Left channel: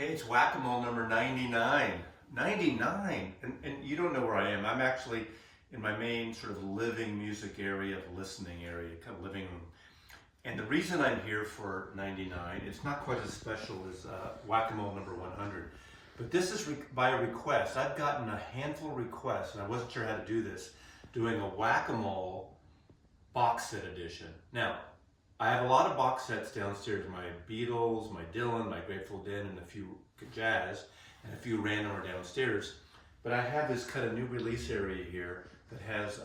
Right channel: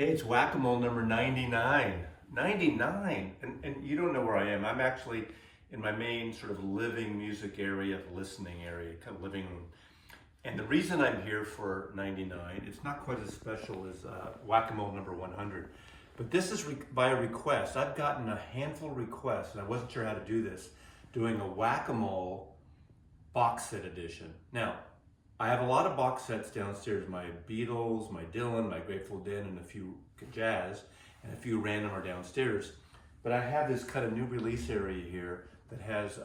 Hey, it's Whack-A-Mole number 99. 99! And you don't know where I am. I'm actually in my main sort of living music area, the listening area, kind of living room. And the reason I'm here for 99, it's not quite as special as Whack-A-Mole number 100, but this is by request. I've gotten a handful of requests, and I wasn't sure how to do this, doing a Whack-A-Mole box set edition. Now, I have a lot of box sets downstairs, my Beatles, my Dylan, my Grateful Dead, and a few jazz, and a few random are downstairs. But I have this kind of new release area here that has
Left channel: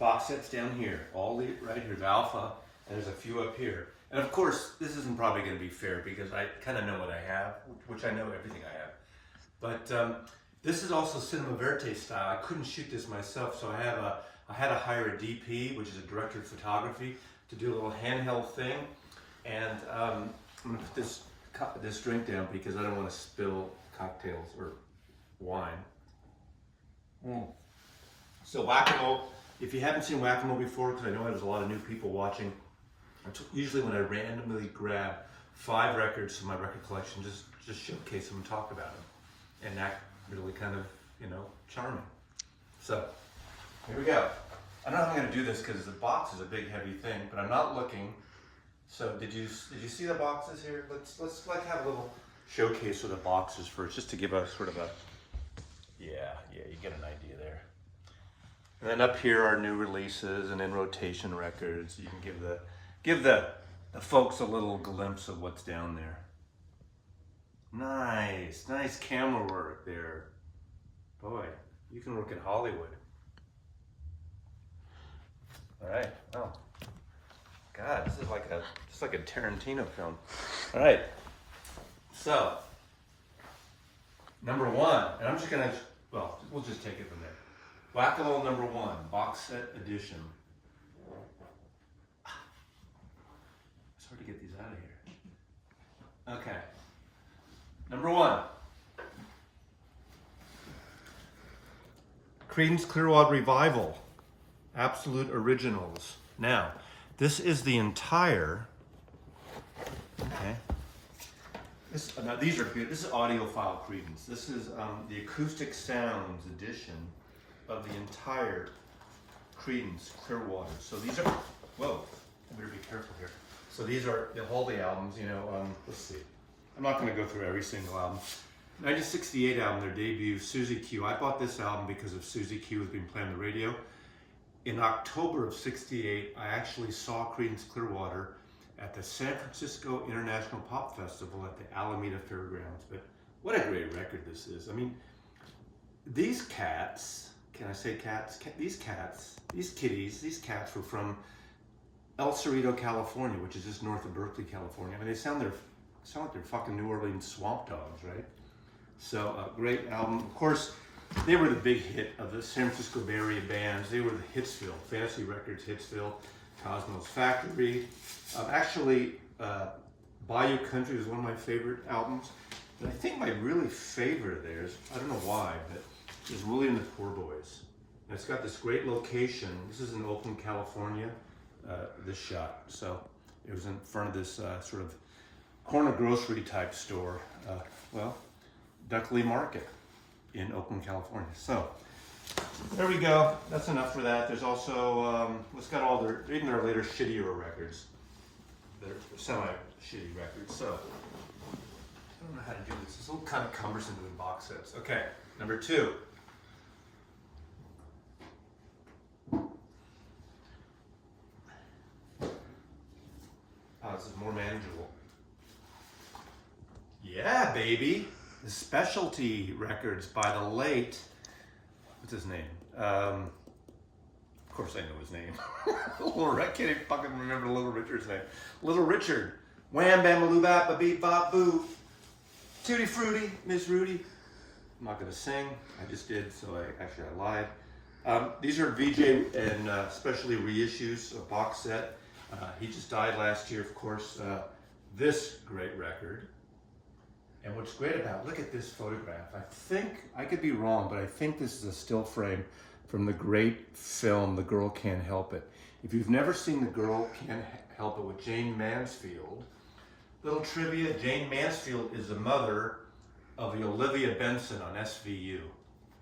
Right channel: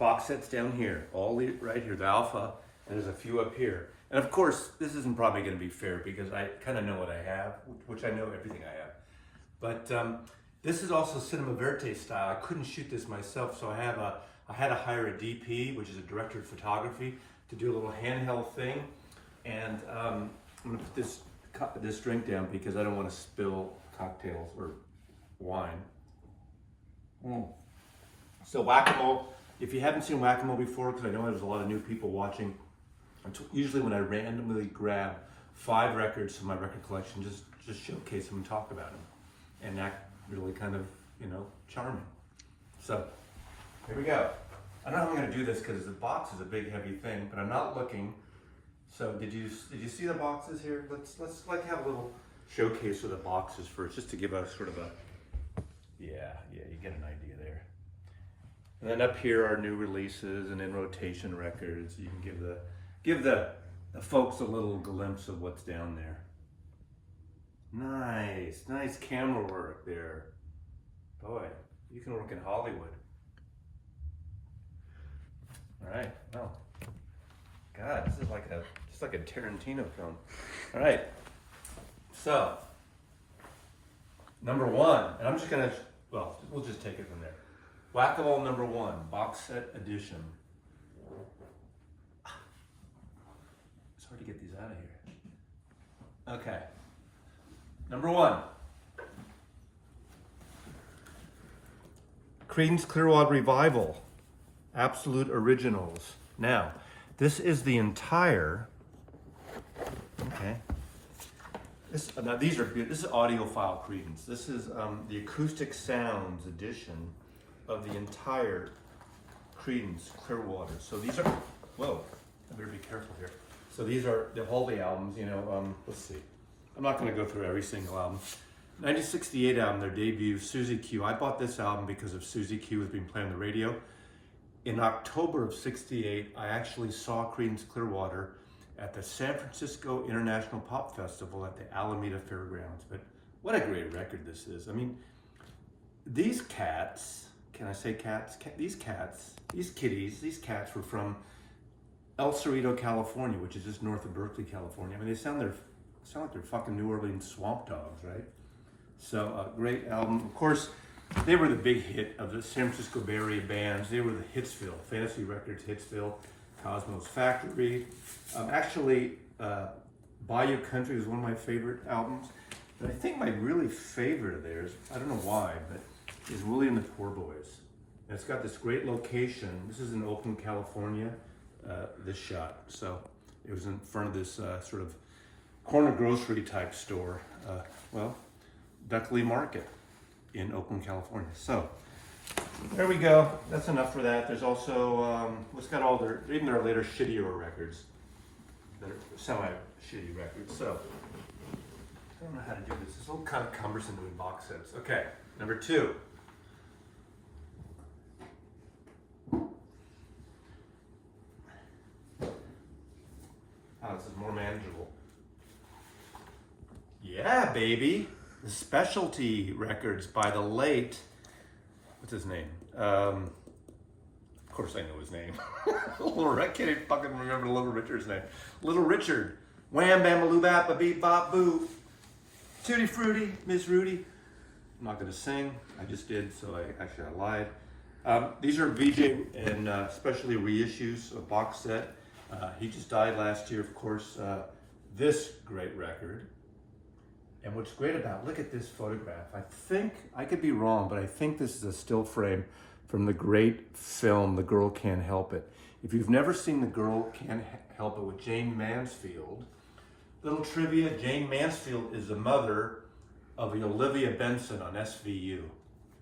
box sets down here, right here, the Alpha, and there's a few up here. And of course, this isn't probably gonna be fair because I kind of know what I have, which I know everything I have. But this is also Cinema Verite style. I couldn't shoot this myself, so I had to hire a DP, which is a director of photography, to do a little handheld thing. And I'm gonna put this drink down because I don't want to spill cocktails or wine. So Whack-A-Mole, if you haven't seen Whack-A-Mole before, because I know there's a lot of new people watching, usually when I randomly grab 5 records from my record collection, just showcase them and talk about them, and act really kind of, charming. So here we go. I don't know how I'm going to do this because the box is a big heavy thing, but I'm not looking. So did you see the boxes here? Let's like have a little showcase of the boxes first, just to give us sort of a yeah, you get an idea there. And then up here are new releases and in rotation records. You can give the folks a little glimpse of what's down there. Nice camera work there. Boy, you can work in Hollywood. All right. Oh, God, this is like a Tarantino film. All right. So, number 1, and I'm just gonna, we'll just take it from there. Whack-A-Mole number 1, box set edition. It's hard to get these out of here. Okay. Number 1. Creedence Clearwater Revival. Absolute Originals. Now, this is the entire, okay. Now these are good. This is audiophile Creedence. This is the Acoustic Sounds edition of the entire Creedence Clearwater. So these are, whoa, I better be careful here. So these are the Holy albums, let's see. I'm not gonna go through every single album. 1968 album, their debut, Susie Q. I bought this album because of Susie Q was being played on the radio. In October of '68, I actually saw Creedence Clearwater at the San Francisco International Pop Festival at the Alameda Fairgrounds. But what a great record this is. I mean, these cats, can I say cats? These kitties, these cats were from El Cerrito, California, which is just north of Berkeley, California. I mean, they sound like they're fucking New Orleans swamp dogs, right? So, great album. Of course, they were the big hit of the San Francisco Bay Area bands. They were the Hitsville, Fantasy Records, Hitsville, Cosmo's Factory. Bayou Country was one of my favorite albums. And I think my really favorite of theirs, I don't know why, but is Willie and the Poor Boys. And it's got this great location. This is in Oakland, California, this shot. So it was in front of this sort of corner grocery type store. Duckley Market in Oakland, California. So there we go. That's enough for that. There's also it's got all even their later shittier records that are semi-shitty records. So I don't know how to do this. It's a little kind of cumbersome doing box sets. Okay, number 2. Oh, this is more manageable. Yeah, baby. The Specialty Records by the late, what's his name? Of course I know his name. I can't even fucking remember Little Richard's name. Little Richard. Wham, bam, a loo, bap, a beep, bop, boo. Tutti Frutti, Miss Rudy. I'm not gonna sing. I just did, so I lied. These are VJ and specialty reissues, a box set. He just died last year, of course. This great record. And what's great about, look at this photograph. I think, I could be wrong, but I think this is a still frame from the great film, The Girl Can't Help It. If you've never seen The Girl Can't Help It with Jane Mansfield, Little trivia, Jane Mansfield is the mother of the Olivia Benson on SVU.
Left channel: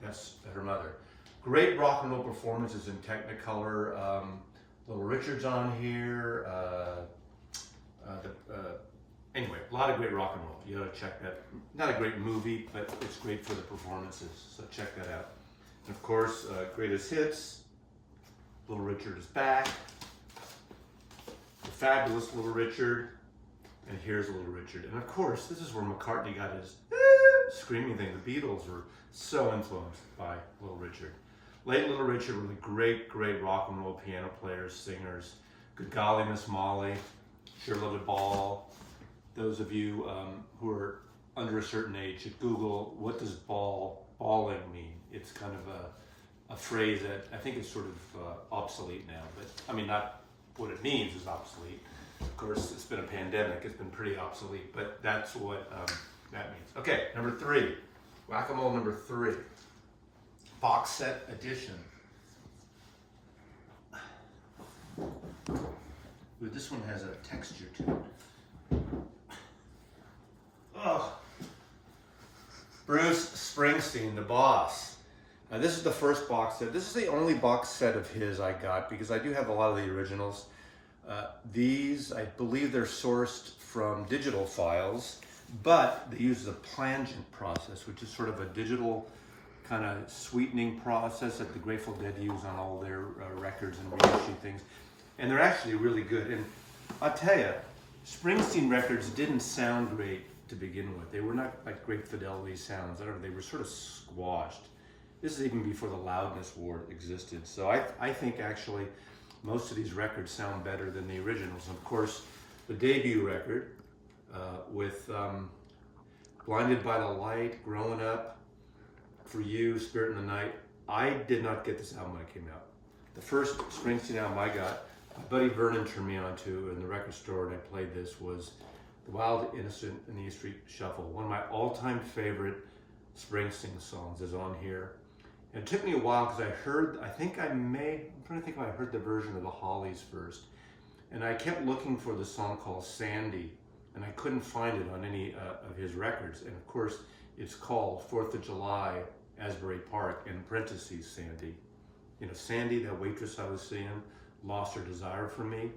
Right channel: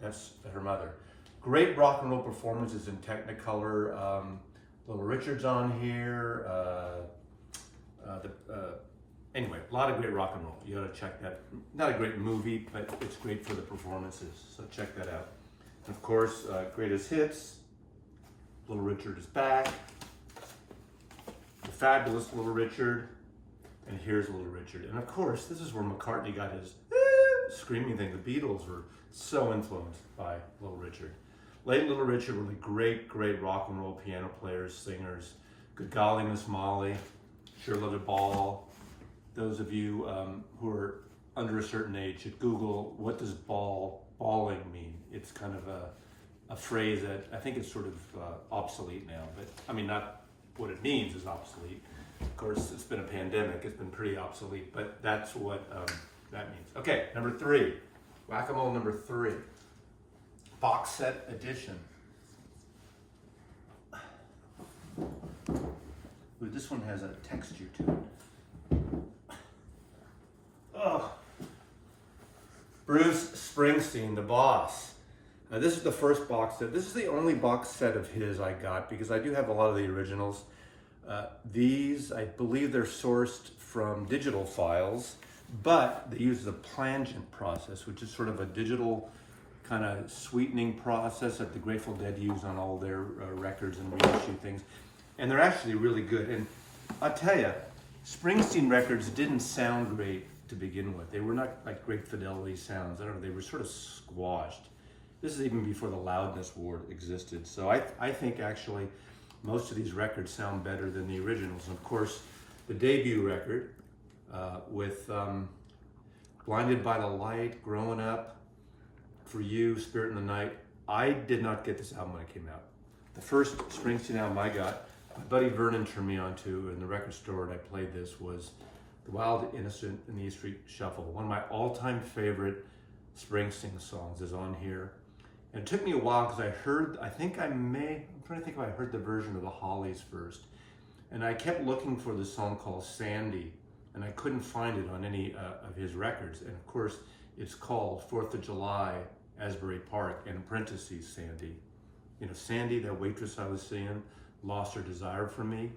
That's her mother. Great rock and roll performances in Technicolor. Little Richard's on here. Anyway, a lot of great rock and roll. You gotta check that. Not a great movie, but it's great for the performances. So check that out. And of course, greatest hits. Little Richard is back. The fabulous Little Richard. And here's Little Richard. And of course, this is where McCartney got his screaming thing. The Beatles were so influenced by Little Richard. Late Little Richard were the great, great rock and roll piano players, singers. Good Golly Miss Molly, Sure Let It Ball. Those of you who are under a certain age should Google, what does balling mean? It's kind of a phrase that I think is sort of obsolete now, but I mean, not what it means is obsolete. Of course, it's been a pandemic, it's been pretty obsolete, but that's what that means. Okay, number 3, Whack-A-Mole number 3, box set edition. Ooh, this one has a texture to it. Oh. Bruce Springsteen, the boss. Now, this is the first box set. This is the only box set of his I got because I do have a lot of the originals. These, I believe they're sourced from digital files, but they use the plangent process, which is sort of a digital kind of sweetening process that the Grateful Dead use on all their records and reissue things. And they're actually really good. And I'll tell you, Springsteen records didn't sound great to begin with. They were not like great fidelity sounds. I don't know, they were sort of squashed. This is even before the loudness war existed. So I think actually most of these records sound better than the originals. And of course, the debut record with Blinded by the Light, Growing Up, For You, Spirit in the Night. I did not get this album when it came out. The first Springsteen album I got, my buddy Vernon turned me on to in the record store, and I played this, was The Wild, Innocent, and the E Street Shuffle. One of my all-time favorite Springsteen songs is on here. And it took me a while because I'm trying to think if I heard the version of the Hollies first. And I kept looking for the song called Sandy, and I couldn't find it on any of his records. And of course, it's called 4th of July, Asbury Park, and in parentheses, Sandy. You know, Sandy, that waitress I was seeing, lost her desire for me.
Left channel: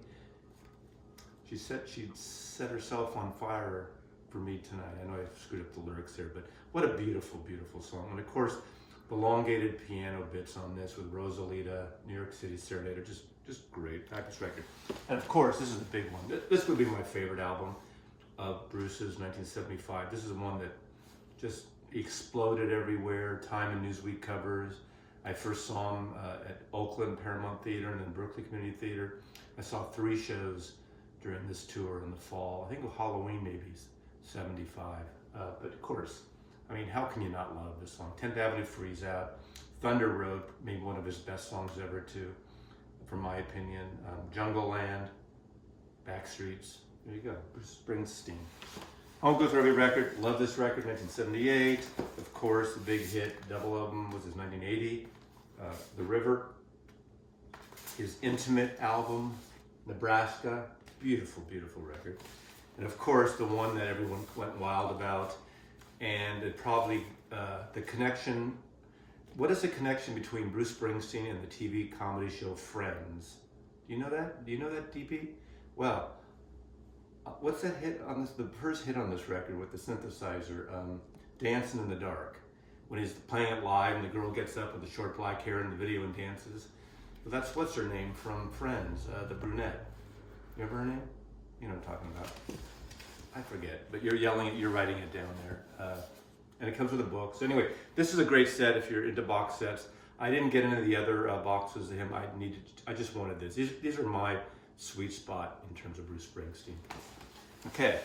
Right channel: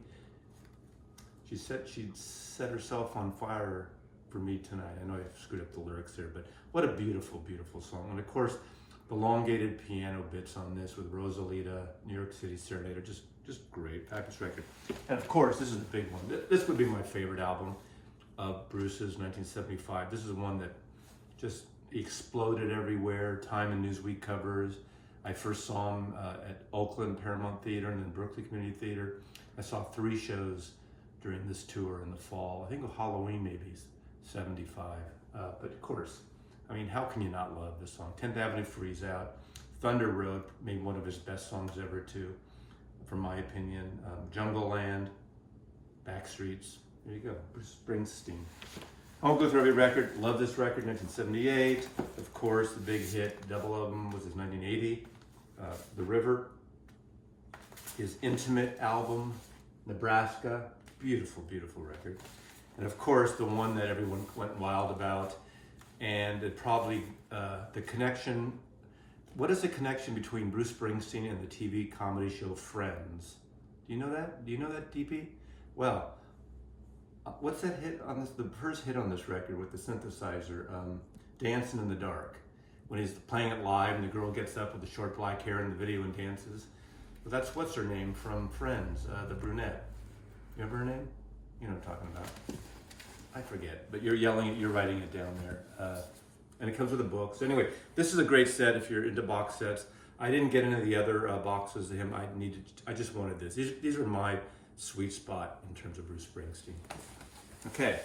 She said she'd set herself on fire for me tonight. I know I screwed up the lyrics there, but what a beautiful, beautiful song. And of course, the elongated piano bits on this with Rosalita, New York City Serenade, just great, fabulous record. And of course, this is a big one. This would be my favorite album of Bruce's, 1975. This is one that just exploded everywhere, Time and Newsweek covers. I first saw him at Oakland Paramount Theater and then Berkeley Community Theater. I saw 3 shows during this tour in the fall. I think Halloween maybe, 75. But of course, I mean, how can you not love this song? 10th Avenue Freeze Out, Thunder Road, maybe one of his best songs ever too, from my opinion. Jungle Land, Backstreets, there you go, Bruce Springsteen. I won't go through every record. Love this record, 1978. Of course, the big hit, double album, was his 1980, The River. His Intimate album, Nebraska, beautiful, beautiful record. And of course, the one that everyone went wild about, and it probably, the connection, what is the connection between Bruce Springsteen and the TV comedy show Friends? Do you know that? Do you know that, DP? Well, what's that hit on this, the first hit on this record with the synthesizer, Dancing in the Dark, when he's playing it live and the girl gets up with the short black hair in the video and dances. Well, that's what's her name from Friends, the brunette. You remember her name? You know what I'm talking about. I forget, but you're writing it down there. And it comes with a book. So anyway, this is a great set if you're into box sets. I didn't get into the other boxes of him. I just wanted this. These are my sweet spot in terms of Bruce Springsteen. Okay,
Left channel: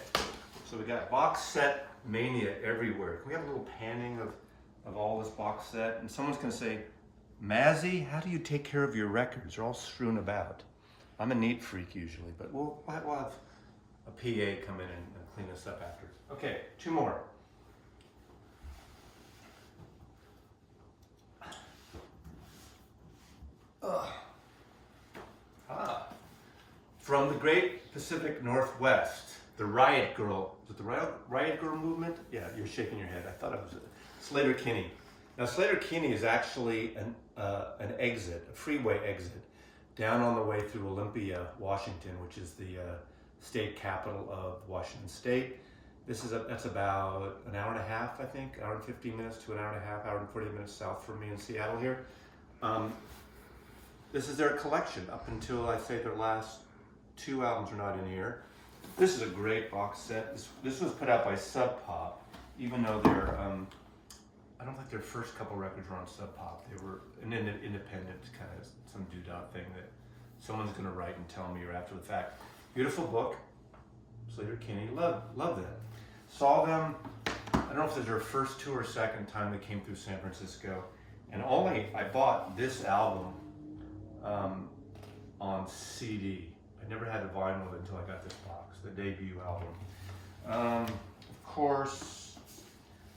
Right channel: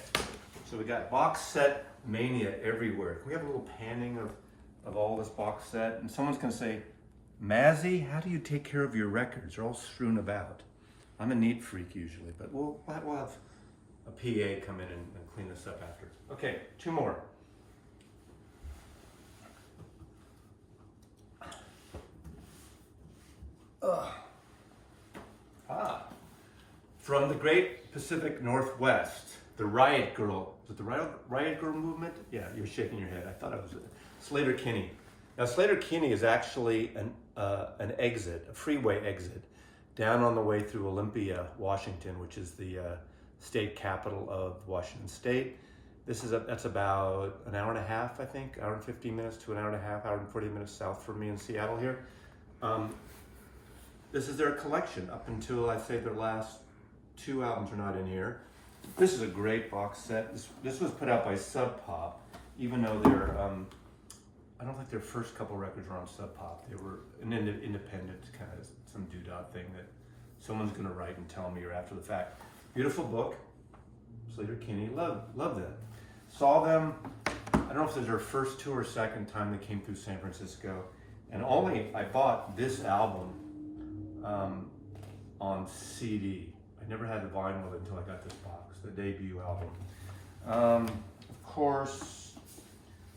so we got box set mania everywhere. Can we have a little panning of all this box set? And someone's gonna say, Mazzy, how do you take care of your records? They're all strewn about. I'm a neat freak usually, but we'll have a PA come in and clean this up after. Okay, 2 more. From the great Pacific Northwest, the Riot Girl. Was it the Riot Girl movement? Yeah, you're shaking your head. I thought it was Sleater-Kinney. Now, Sleater-Kinney is actually an exit, a freeway exit, down on the way through Olympia, Washington, which is the state capital of Washington State. That's about an hour and a half, I think, hour and 15 minutes to an hour and a half, hour and 40 minutes south from me in Seattle here. This is their collection up until I say their last 2 albums are not in here. This is a great box set. This was put out by Sub Pop, even though they're, I don't think their first couple records were on Sub Pop. They were an independent kind of some doodah thing that someone's going to write and tell me or after the fact. Beautiful book, Sleater-Kinney. Love them. Saw them, I don't know if this is their first tour or second time they came through San Francisco. And I bought this album on CD. I never had the vinyl of it until I got this box, the debut album. Of course,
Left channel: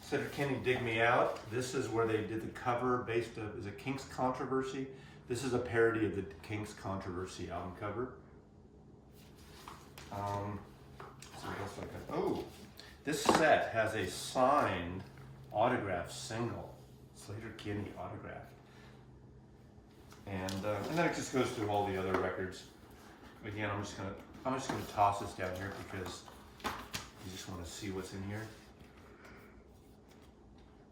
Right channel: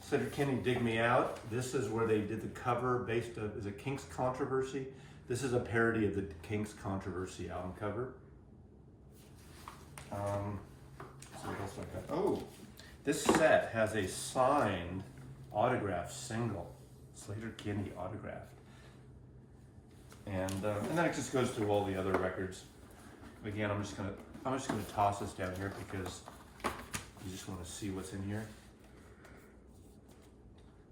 Sleater-Kinney, Dig Me Out. This is where they did the cover based on, is it Kinks Controversy? This is a parody of the Kinks Controversy album cover. What else I got? Oh, this set has a signed autograph single, Sleater-Kinney autographed. And then it just goes through all the other records. Again, I'm just gonna toss this down here because you just want to see what's in here.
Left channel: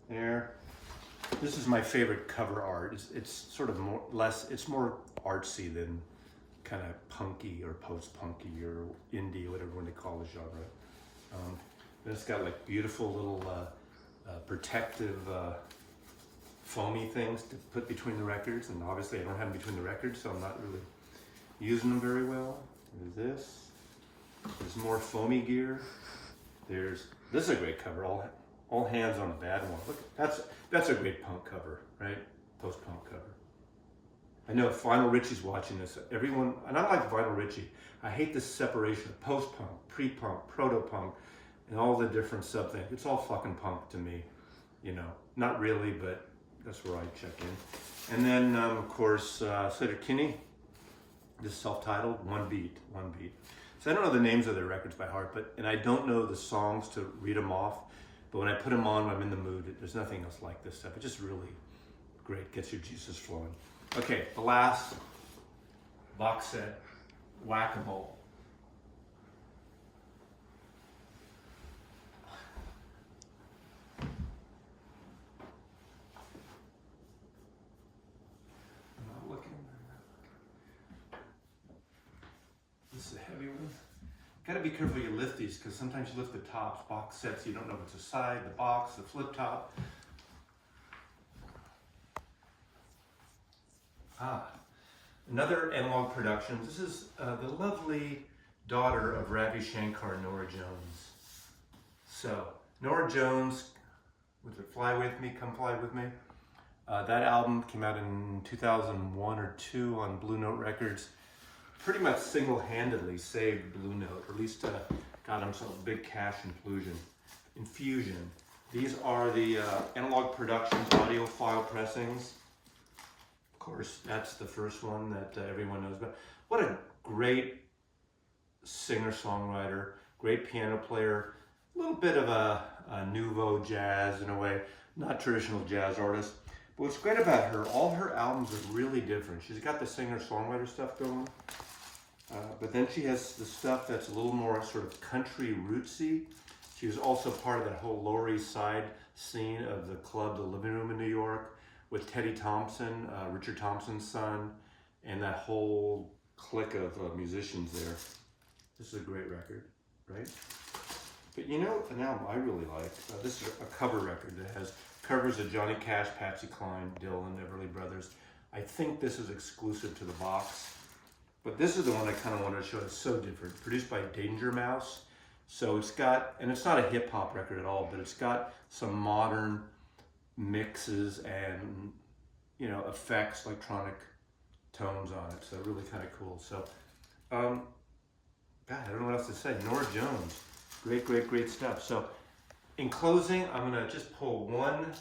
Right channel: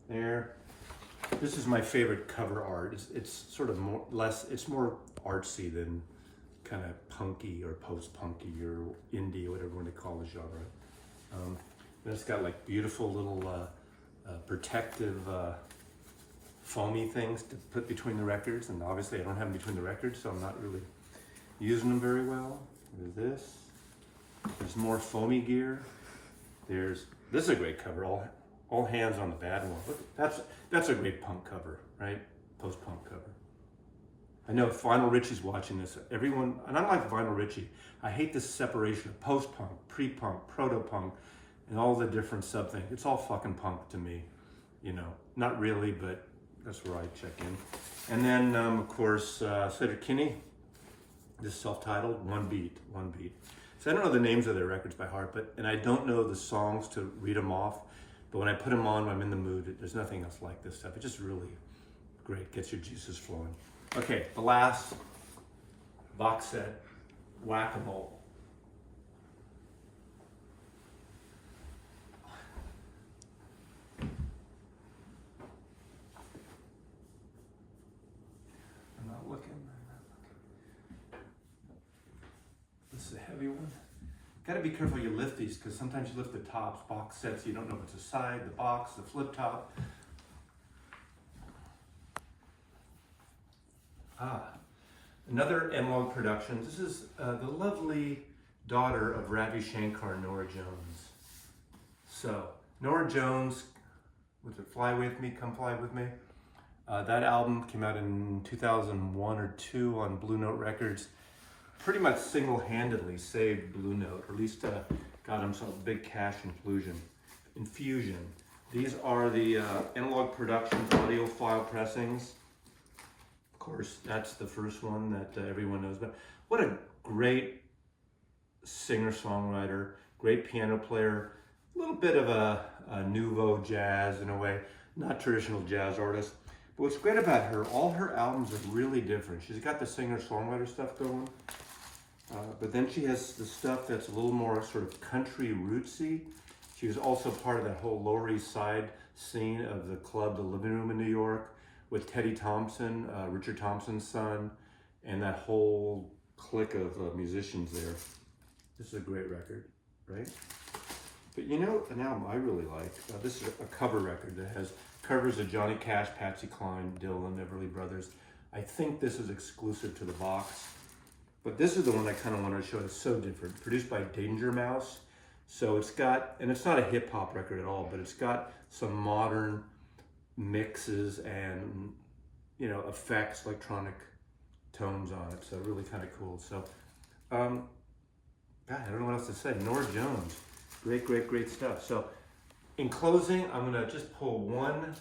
There. This is my favorite cover art. It's sort of more artsy than kind of punky or post-punky or indie or whatever you want to call the genre. Then it's got like beautiful little protective foamy things to put between the records, and obviously I don't have them between the records, so I'm not really using them very well. There's this. There's more foamy gear. This is a great cover. All hands on the bad one. Look, that's a great punk cover, right? Post-punk cover. I know if Vinyl Richie's watching this. Everyone, and I like Vinyl Richie. I hate this separation of post-punk, pre-punk, proto-punk, and all the different sub-things. It's all fucking punk to me, you know. Not really, but that's where I check in. And then, of course, Sleater-Kinney. This self-titled, One Beat. So I don't know the names of their records by heart, and I don't know the songs to read them off. But when I put them on, when I'm in the mood, there's nothing else like this stuff. It's just really great, gets your juices flowing. Okay, the last box set, Whack-A-Mole. I'm not looking. This is a heavy one. Gotta be careful you lift these, because sometimes you lift the tops, box sets, you don't know if it's a side, the box, the flip top. Another Analog Productions. This is the lovely daughter of Ravi Shankar, Norah Jones. So, Norah Jones, was it Fly With Me, Come Fly With Me? That album came out in 2001 or 2 on Blue Note Records. Pretty much single-handedly saved Blue Note, or at least got himself a big cash infusion. These are the Analog Productions audiophile pressings. Of course, that's the first one that everyone knows about. What a great singer-songwriter, great piano player, a little bit of a nouveau jazz in a way, not traditional jazz artist. But what's great about her, all her albums are really different. She's got the singer-songwriter stuff going, but then she has the stuff that's a little more sort of country rootsy. She was also part of that whole Lower East Side scene of the club, The Living Room in New York, with Teddy Thompson, Richard Thompson's son, and that whole clique of musicians there. This is a great record, right? But you know an album I really like? This is a cover record that has covers of Johnny Cash, Patsy Cline, Dylan, Everly Brothers. I think this is exclusive to the box. But this is the one I kind of wanted to show. It's so different. Produced by Danger Mouse. So it's got, and it's not a hip hop record at all, but it's got some modern mixes and, you know, effects, electronic tones on it. So really kind of cool. So, God, I don't know what else to say. Norah Jones. Great stuff. So in closing, I'm going to just pull one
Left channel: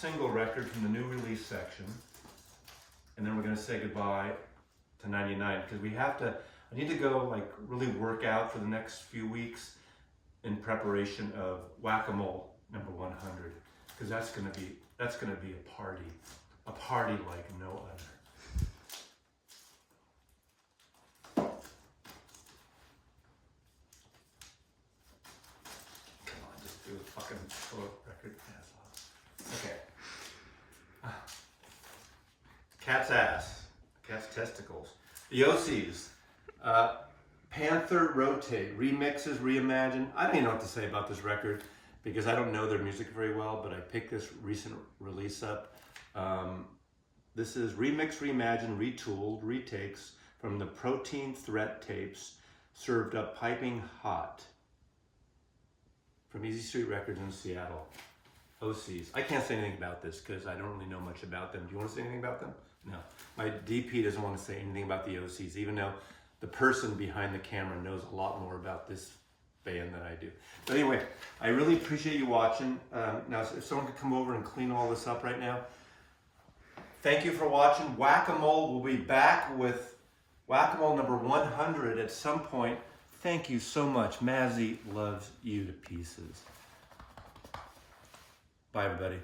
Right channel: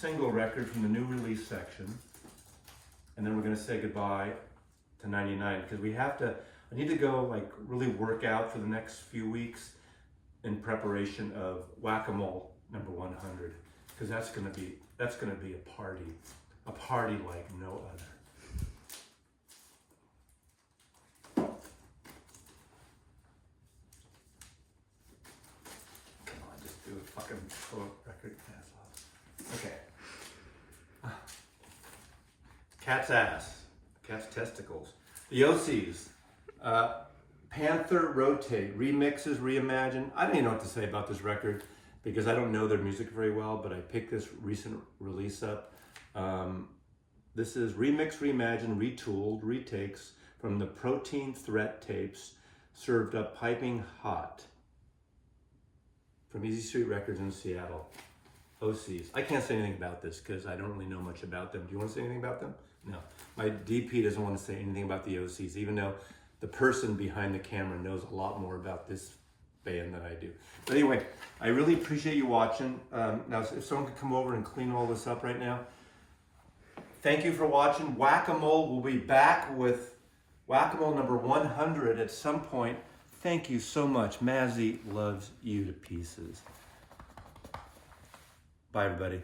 single record from the new release section. And then we're going to say goodbye to 99 because I need to go like really work out for the next few weeks. in preparation of Whack-A-Mole number 100, because that's gonna be a party like no other. Come on, just do a fucking full record. Okay. Cat's ass, cat's testicles. The OCs, Panther Rotate, remixes, reimagine. I don't even know what to say about this record because I don't know their music very well, but I picked this recent release up. This is remix, reimagine, retooled, retakes from the Protein Threat tapes, served up piping hot from Easy Street Records in Seattle. OCs. I can't say anything about this because I don't really know much about them. Do you want to say anything about them? No. My DP doesn't want to say anything about the OCs, even though the person behind the camera knows a lot more about this band than I do. But anyway, I really appreciate you watching. Now, if someone could come over and clean all this up right now. Thank you for watching. Whack-A-Mole will be back with Whack-A-Mole number 100 at some point. Thank you so much. Mazzy loves you to pieces. Bye, everybody.